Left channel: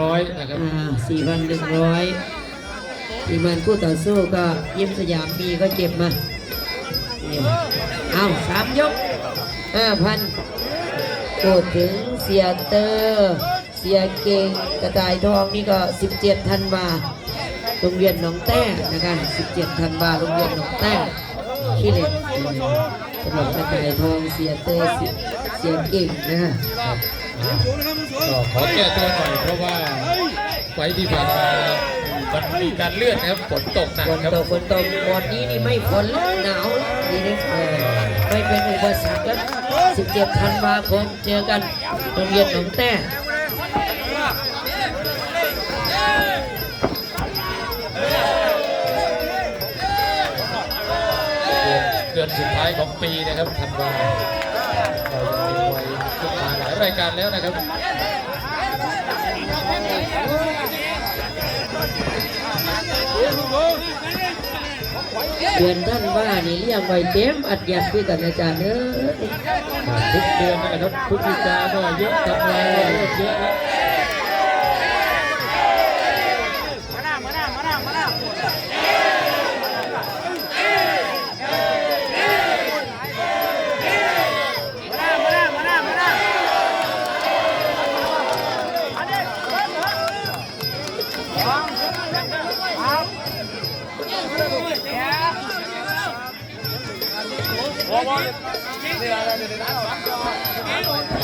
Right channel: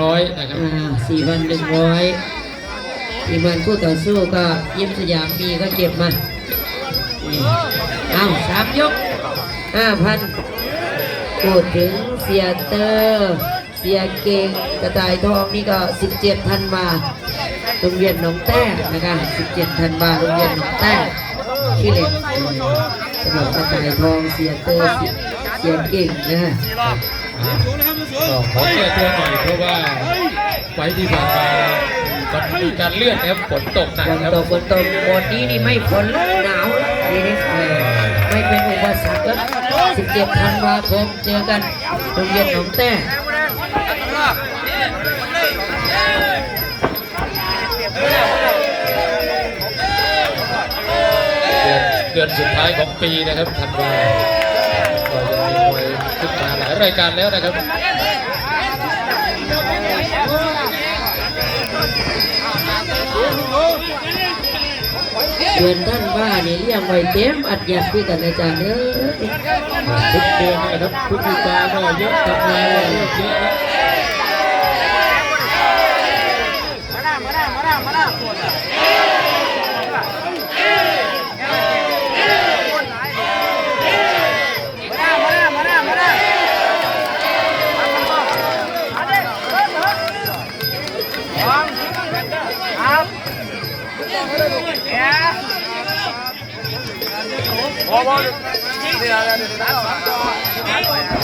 ร้อยนะครับอ่าสี่พันหนึ่งร้อยสี่พันคู่ต่อสู้ก็ยิ้มสยามมีก็เก็บมานี่เอาสามยกห้าพันพูดถึงเสียเตอร์เสียเก่งกระต่ายทองนี่ก็สิบเจ็ดธันวาโรงเรียนหนองแต้นะคะสิบเจ็ดธันวาโรงเรียนหนองแต้ขี้เหล็กสำหรับกระต่ายทองเสียเตอร์เสียเสี ยเก่งนะก็ขอแก้ตัวหน่อยเพราะว่าไฟล์ที่ผ่านมามันมีการเลื่อนนะครับฝนตกหนักฝนครับตกฝนตกหมดนี้นี่ไม่ฝนแล้วหนาวแล้วทีนี้เออไม่เป็นอุปสรรคแล้ว17ธันวาคมเจอกันโรงเรียนหนองแต้เดือนเดือนสุดท้ายของปีนะครับธันวาก็ยังมีมวยขึ้นมาหลายรายการแล้วนะครับเดือนท่านว่านี่เรียกไว้เต็มอัดยัดด้วยกันอาจารย์เอ้ยทุกเดือนนะครับทุกปีกาก็เยอะธันานเยอะเยอะ แ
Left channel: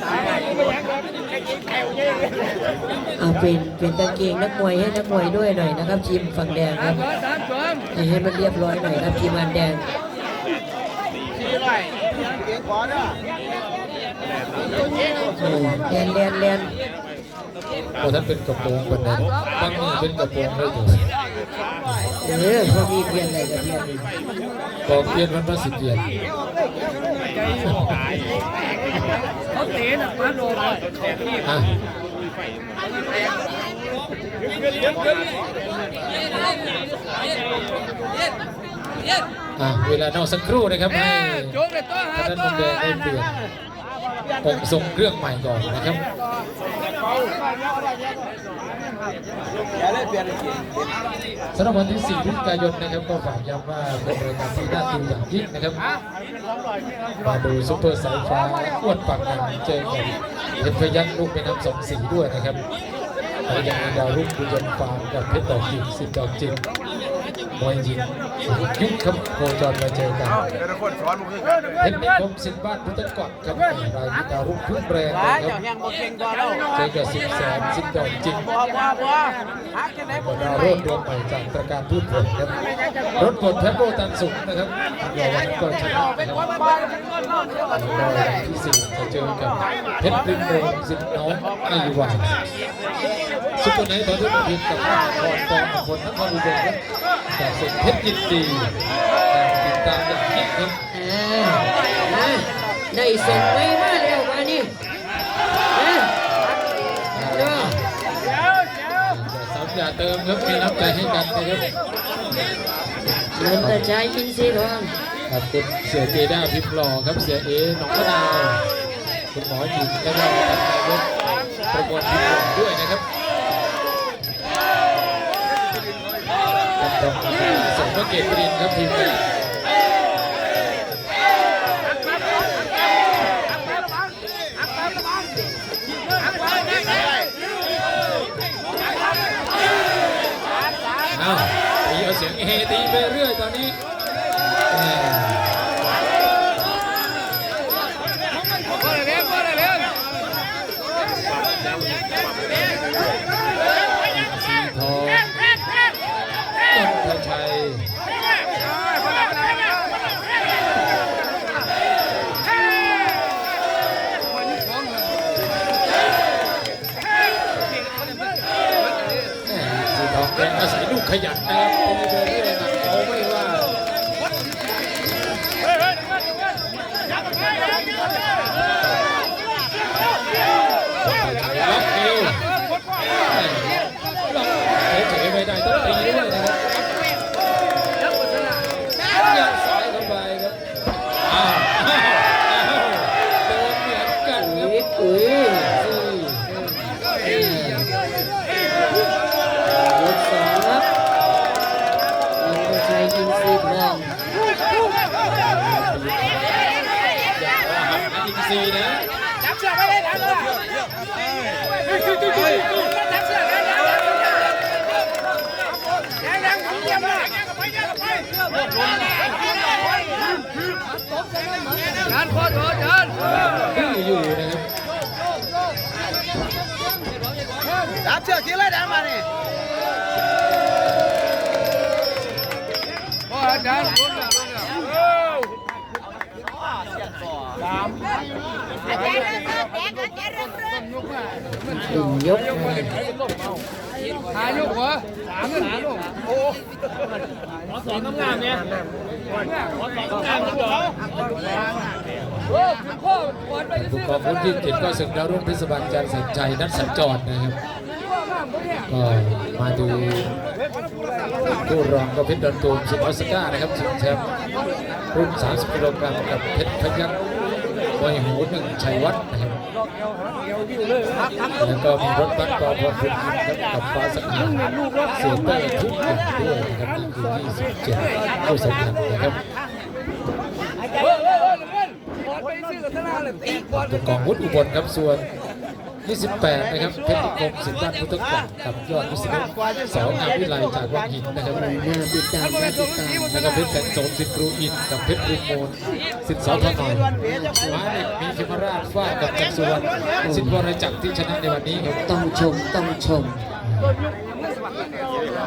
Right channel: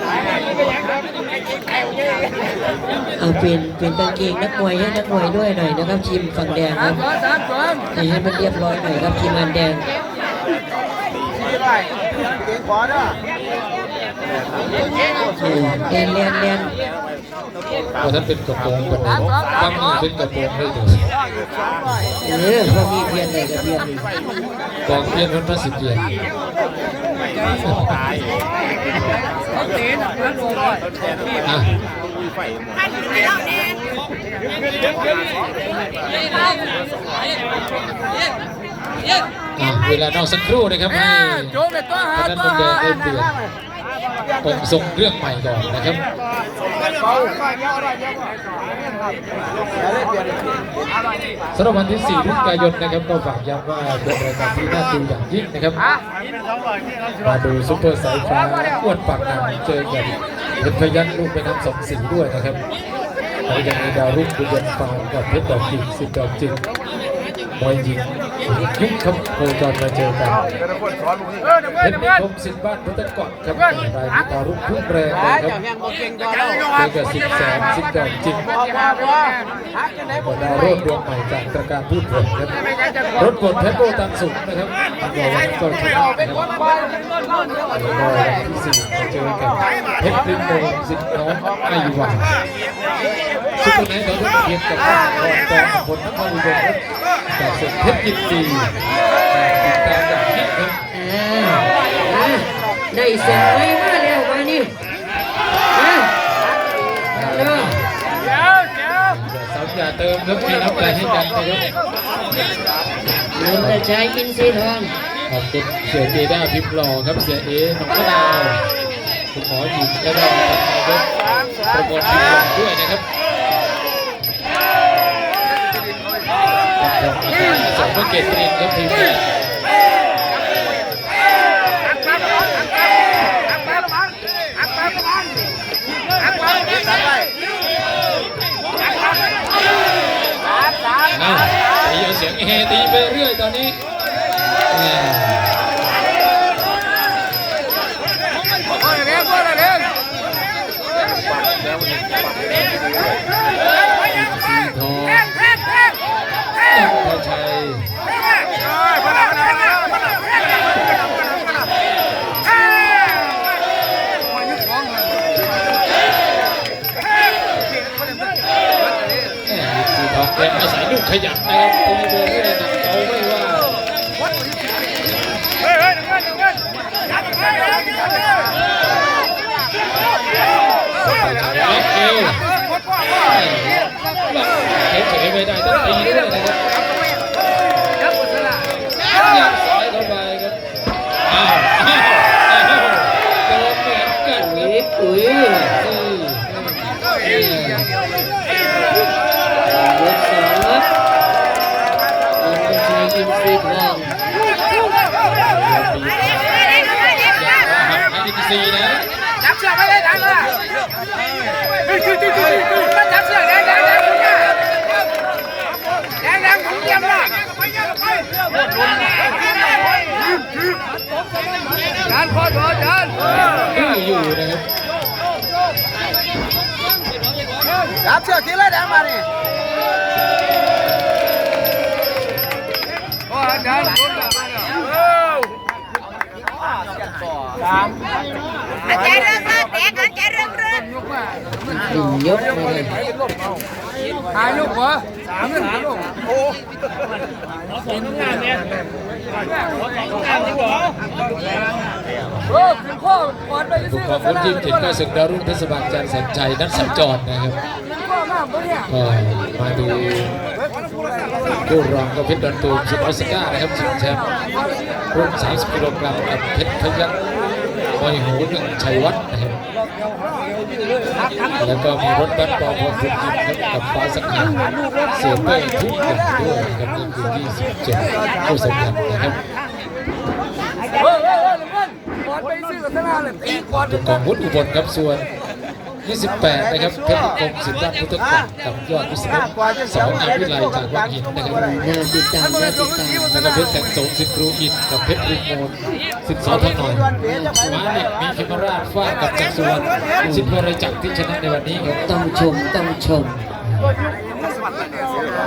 เอาเลยเว้ยก็มีไปกินตาเต้าเปียกแตกเอาไปไม่อยู่อะล็อกหมดเลยล็อกหมดเลยตายไปยังเดิมไอ้ยิงแถวเนี่ยเปลี่ยนเปลี่ยนกางเกงนักมวยให้นักมวยด้วยหน่อยนะครับทีมฝั่งแดงครับนี่ให้มันเรียบร้อยหน่อยครับทีมงานแดงเลียนเลียนเลียนโอ้ท่านเป็นกระโปรงคนไหนตั้งนี่เป็นกระโปรงได้เลยเออเขามีเพียนอะไรกับเพียนนี่กองเทียนเป็นพระสิทธิ์เดียน อะอะเวลานอกสักครู่นะครับให้โจ๊กเลยตัวหาตัวหาเปลี่ยนผมส่งเรื่องใหม่ก่อนนะครับ สำหรับวันที่4พฤศจิกายนนะครับก็ฝากย้ำว่าเป็นรายการที่น่าดูอย่างยิ่งนะครับมาดูซุปเปอร์สายฟ้าอ้วนปากหนามเจอกับเพชรพยัคฆ์ลูกแม่น้ำสองสีด้วยนะครับแล้วยังมีดาวรุ่งบุญยนฟาร์มกับเพชรดอกจิกสิบดอกจิก วยหญิงยุคครับโคจรมาเจอกันเพชรนิคมสิทธิ์บ้านพุทธกอดครับรายดาวรุ่งพุ่งแรงเลยครับเจอกับสิบแสนสิบดอกจิกบดาวโรดดวงใหม่จากตระการพูดผลครับรถกดแทบโบตันสุขนะครับอันกว่าวันก็ชนะนะครับแล้วก็วันที่สี่จะเจอกับเพชรริมโมงสิทธิ์น้องไอหวานซุปเปอร์ไนท์ตอนนี้เพียงกับนครกองผลนครอุดมครับ จากสุดเพชรยินดีติดตามอย่างยิ่งครับอ่ามาได้ส่งไว้มาแล้วมานี่มาเนาะอย่าซ้ำอย่าเติมครับมีน้ำใจให้กันนะครับเงินแต่ใช้อินทรีย์ทองขอบคุณเสียเจด้าพิมพ์หล่อครับเสียเอหนองมะนาวคุณหมอหญิงแล้วก็ท่านนายกประกวดทีมด้วยนะครับ ขอบคุณสมภเกตตรินครับทีมแรกอ้าวตีเอาเสียงเฮตีไปเรื่อยตอนนี้ ขยับนะครับตีไปเรื่อยนะเอาไม่ว่าเฮ้ยเฮ้ยหนึ่งเงินหนึ่งเงินล็อกเอวล็อกเฉยๆไม่ได้ต้องตีด้วยนะครับยัดซ้ายเข้าไปครับอ้าวอ้าวอ้าวโดนเหมือนกันอุ้ยอุ้ยนี่ย หักอินะจับเชือกไว้เลยดังเลยเฮ้ยคือคือคือคือมันจับเชือกแดงแดงแดงแดงแดงผมเตรียมละจานพอดอจานดื้อยู่นะครับจับเชือกทีเลยแดงมาเนี่โอ้จาน สามแกเริ่มเริ่มแกกันแกเริ่มเริ่มหนึ่งยกเลยหายลูกเหรอเงินหายลูกโอ้ขอสองงานเนี่ยขอสองงานที่ดอกโอ้ขึ้นข้อก่อนไปทุซื้กอคนสรุ่นลากที่เลเจ็ดยก็ศึกดารุ่งเทศบาลจันทร์สันใจนัดสัญจรนะครับ ข้อมากปะเนี่ยมาดูผู้รองก็เพชรดอนตูมสุดออสกานะครับชิงแชมป์รุ่น30กิโลกรัมกับเพชรพยัคฆ์มวหูหนึ่งชัยวัฒน์นะครับแล้วก็มีรถบัสปอพงศ์ยิมกับฟ้าสักดิ์เสียเป้ทุกอย่างด้วยนะครับนี่คือ27ผู้สำคัญนะครับเฮ้ยเฮ้ยเฮ้ยเงินก่อนไปซื้อสลาเลยตีก่อนถูกของวุฒิอุบลครับส่วน 28นะครับเพชรนิคมสิทธิ์ด้านพุทธกรกับยอดวิศนุสองงานวิไลจากวังหินนะครับแนวติดตามแนวติดตามแล้วก็เพชรแสงสงสิทธิ์รูอินกับเพชรรุโมนสิทธิ์สองทนอยมาเหล็กมีเขมราชฟากับจักรสุวรรณสิทธิ์วรจักรที่ชนะในวันนี้ครับต้องชมต้องชม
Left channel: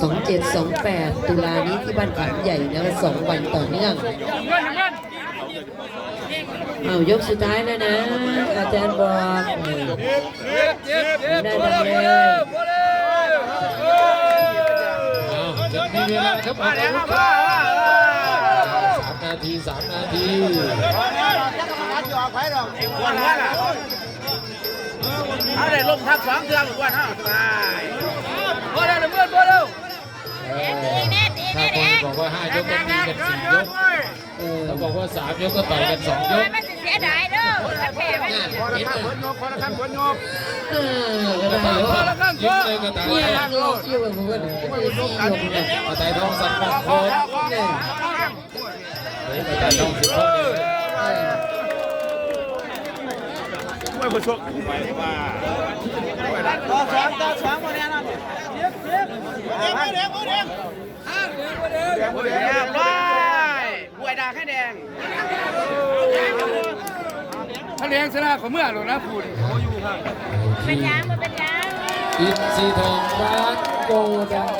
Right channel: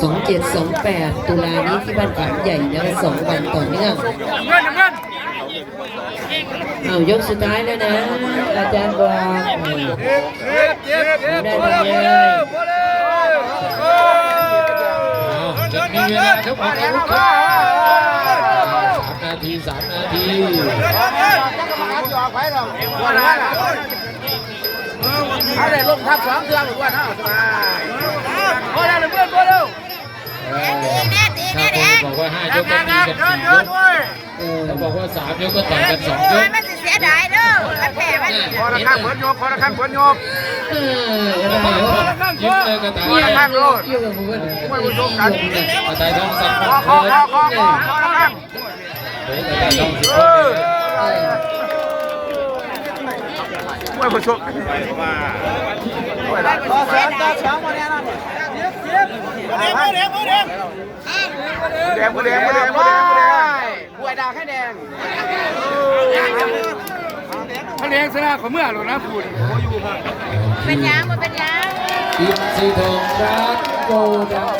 สองเจ็ดสองแปดตุลานี้ที่บ้านขามใหญ่นะสองวันต่อเนื่อง เงินเงินเอายกสุดท้ายแล้วนะ อาจารย์บอกเออเจ็บเจ็บเจ็บได้หมดเลยอ้าวจะมีเวลาครับออกอาวุธครับสามนาทีสามนาทีอะไรลงทับสองเทือหมดว่าเท่าสบายโอ้ยได้เงินโอ้เร็วเออตีแน่ตี ถ้าแน่คนแน่บอกว่าห้ายเดิกนก็เดิตีนกันเดิสี่นยเดินด้วยเออถ้าบอกว่าสามยกก็ต่อยกันสองยโอ้กยมันจะเสียดายเด้อมันแพ้มันพอละข้างเปิดโยกพอละข้างเปิดโยกเออก็ได้โยยิ้มเลยกระต่ายเนี่ยเกี่ยวกับผมว่าไม่รู้ยกเลยกระต่ายทองสักดิ์คอคอคอคอคอพอละข้างเฮ้ยกระต่ายทองสิบเอคนอเลยมวยผู้ชก ต่อสองต่องวันนี้นั่นเนี่ยแดงแดงแดงแดงแดงบวยดาวแค่แดงเขาเลี้ยงสลากของเมื่อหรอนะคุณเขาอยู่ครับเป็นยังมันเป็นยังอินทรีทองบาสโกดัง